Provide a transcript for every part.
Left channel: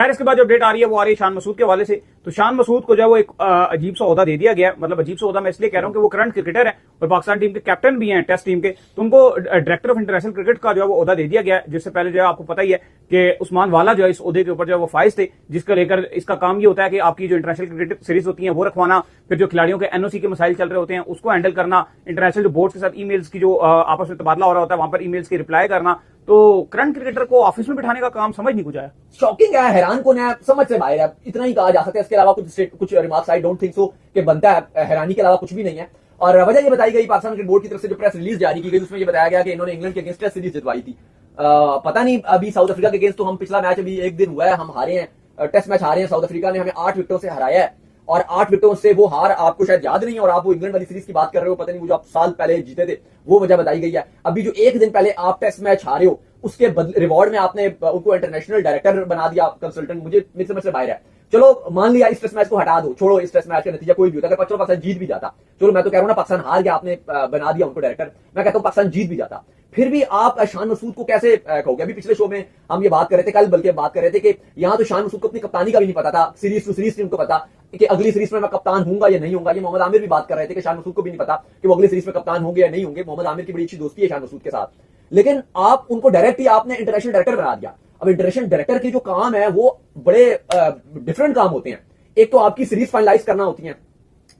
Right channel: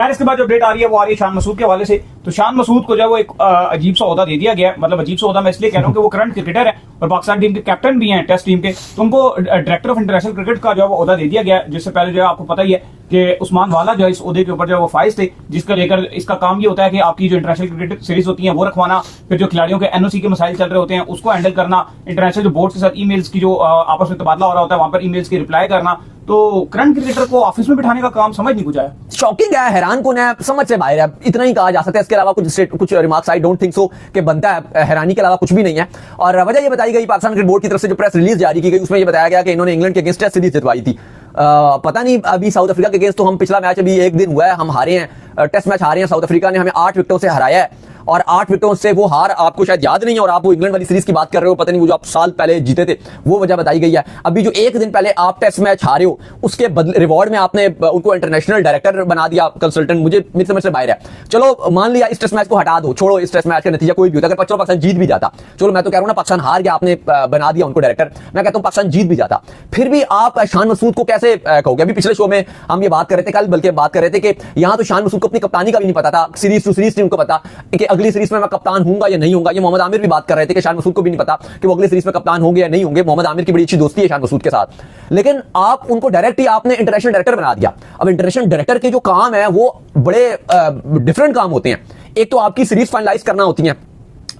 खैर इसके बाद जो अपडेट आ रही है वो आ रही है शान मसूद के हवाले से। तो शान मसूद को जो है वो एक अजीब सा ओहदा दे दिया गया, मतलब अजीब सा ओहदा मैं इसलिए कह रहा हूँ कि वो करंट क्रिकेटर है और पाकिस्तान टीम के कैप्टन भी हैं टेस्ट टीम के, तो उनको डायरेक्टर ऑफ इंटरनेशनल क्रिकेट का जो है वो ओहदा दे दिया गया। जिससे पहले जो है आपको पता ही है कि उस्मान वाला जो है इस ओहदे के ऊपर जो है वो फाइज थे, जिसका लेकर इसका काम ये होता है कि आपकी जो इंटरनेशनल क्रिकेट सीरीज होती है वो रखवाना, फिर जो खिलाड़ियों के एनओसी के मसाइल चल रहे होते हैं उसको हैंडल करना, इंटरनेशनल जो बोर्ड के साथ ईमेल्स की जो आपस में तबादला हो रहा होता है वहां पर ईमेल्स की रिप्लाई करना। तो करंट क्रिकेटर को ऑफिस में बिठाने का काम समझ नहीं कुछ आया। शॉकिंग है, हैरान कौन है, समझ से बाहर है, इतना ही कहा जा सकता है। इसके अलावा कुछ remarks I don't think so कि बनता है, हैरानी के अलावा कुछ भी नहीं है। और वजह ये बताई गई पाकिस्तान क्रिकेट बोर्ड की तरफ से जो प्रेस रिलीज जारी की गई उसमें ये बताया गया कि इन्होंने इंग्लैंड के अगेंस्ट टेस्ट सीरीज जितवाई थी। पता नहीं अभी साउथ अफ्रीका के अगेंस्ट तो हम पिछला मैच अभी एक दिन हुआ है, हम हारे हैं, टेस्ट मैच हारे हैं। साउथ अफ्रीका ने हमें 8 विकेटों से हराया है और 8 विकेटों से वो हार आपको शायद याद नहीं है और आप वो इंग्लैंड वाली सीरीज की बात कर रहे हो, पता नहीं वो जो आप साल पहले जीते थे वो वजह बताई गई है। अभी जो एक दिन पहले आप टेस्ट मैच हारे हो उसके रिवॉर्ड में आपने उनको इंटरनेशनल डायरेक्टर बना दिया, कंसल्टेंट, मुझे मेरी समझ से बाहर है। चलो मान लिया इस टेस्ट मैच को हटा दो, छोड़ो इस टेस्ट मैच का नतीजा कोई भी होता, अगर पाकिस्तान जीत भी जाता, चलो मैं तो कह रहा हूं ना पाकिस्तान हार गया, आपने बना दिया उनको डायरेक्टर, मैं कहता हूं पाकिस्तान जीत भी जाता, फिर भी आप शान मसूद को कैसे कहोगे? अभी पिछले शो में हम ये बात कर रहे थे, कल बल्कि बात कर रहे थे कि यहां तो शान मसूद को अपनी कप्तानी का भी नहीं पता था, सीरीज टू सीरीज टीम को पता कि अगली सीरीज में मैं कप्तान होऊंगा या नहीं होऊंगा। ये मोहम्मद आमिर भी बात कर रहे थे कि शान मसूद को भी नहीं पता कि वो अगली सीरीज में कप्तान होंगे या नहीं होंगे। मोहम्मद आमिर की बड़ी अच्छी दोस्ती है शान मसूद के साथ, लेकिन आप उनको डायरेक्ट ही आपने इंटरनेशनल डायरेक्टर बना दिया। अब इंटरनेशनल डायरेक्टर के जो काम है वो बड़े डिफरेंट काम होते हैं। एक तो आपकी सीरीज फाइनलाइज करना होती है,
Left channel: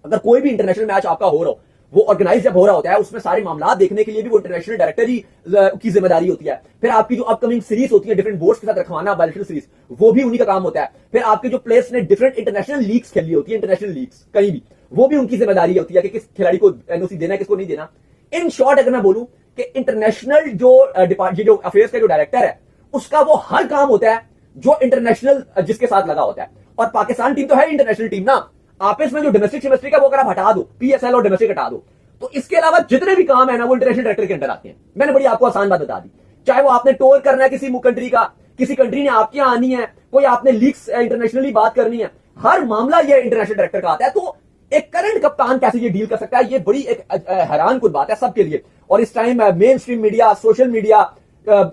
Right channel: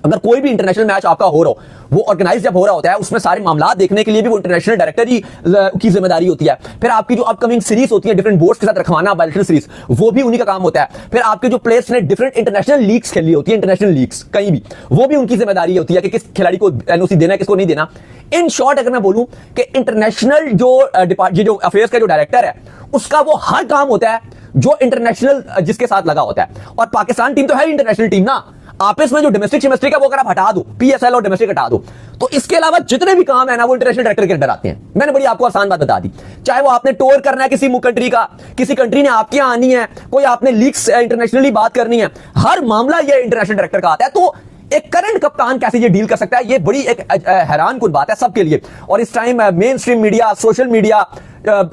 अगर कोई भी इंटरनेशनल मैच आपका हो रहा हो, वो ऑर्गेनाइज जब हो रहा होता है उसमें सारे मामला देखने के लिए भी वो इंटरनेशनल डायरेक्टर ही की जिम्मेदारी होती है। फिर आपकी जो अपकमिंग सीरीज होती है डिफरेंट बोर्ड्स के साथ रखवाना बायलैटरल सीरीज, वो भी उन्हीं का काम होता है। फिर आपके जो प्लेयर्स ने डिफरेंट इंटरनेशनल लीग्स खेली होती है, इंटरनेशनल लीग्स कहीं भी, वो भी उनकी जिम्मेदारी होती है कि किस खिलाड़ी को एनओसी देना है, किसको नहीं देना। इन शॉर्ट अगर मैं बोलूं कि इंटरनेशनल जो अफेयर्स का जो डायरेक्टर है उसका वो हर काम होता है जो इंटरनेशनल जिसके साथ लगा होता है। और पाकिस्तान टीम तो है इंटरनेशनल टीम ना, आपस में जो डोमेस्टिक है वो अगर आप हटा दो, पीएसएल और डोमेस्टिक हटा दो, तो इसके अलावा जितने भी काम है ना वो इंटरनेशनल डायरेक्टर के अंदर आते हैं। मैंने बड़ी आपको आसान बात बता दी, चाहे वो आपने टूर करना है किसी कंट्री का, किसी कंट्री ने आपके यहां आनी है, कोई आपने लीग्स इंटरनेशनली बात करनी है, हर मामला ये इंटरनेशनल डायरेक्टर का आता है। तो एक करंट कप्तान कैसे ये डील कर सकता है, ये बड़ी एक हैरान कुन बात है सबके लिए। और इस time mainstream media, social media,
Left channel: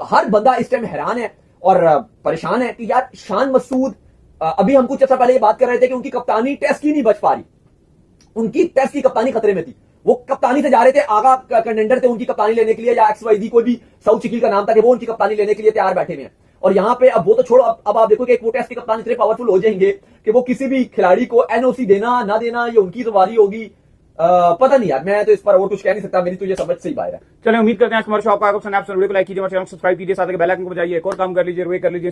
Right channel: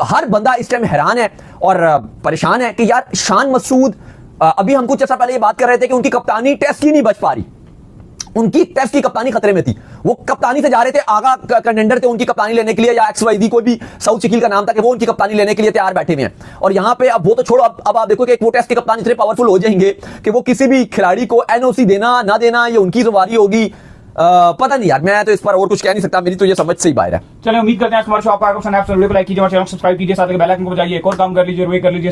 हर बंदा इस टाइम हैरान है और परेशान है कि यार शान मसूद, अभी हम कुछ ऐसा पहले ये बात कर रहे थे कि उनकी कप्तानी टेस्ट की नहीं बच पा रही, उनकी टेस्ट की कप्तानी खतरे में थी, वो कप्तानी से जा रहे थे, आगा कंटेंडर थे उनकी कप्तानी लेने के लिए, या XYZ कोई भी साउथ शकील का नाम था कि वो उनकी कप्तानी लेने के लिए तैयार बैठे हुए हैं। और यहां पे अब वो तो छोड़ो, अब आप देखो कि वो टेस्ट के कप्तान इतने पावरफुल हो जाएंगे कि वो किसी भी खिलाड़ी को एनओसी देना ना देना ये उनकी जिम्मेदारी होगी। पता नहीं यार, मैं तो इस पर और कुछ कह नहीं सकता, मेरी तो ये समझ से ही बाहर है। चलिए उम्मीद करते हैं हमारे शो आपको लाइक कीजिए, हमारे चैनल सब्सक्राइब कीजिए, साथ ही बेल आइकन को बजाइए, एक और काम कर लीजिए, कर लीजिए।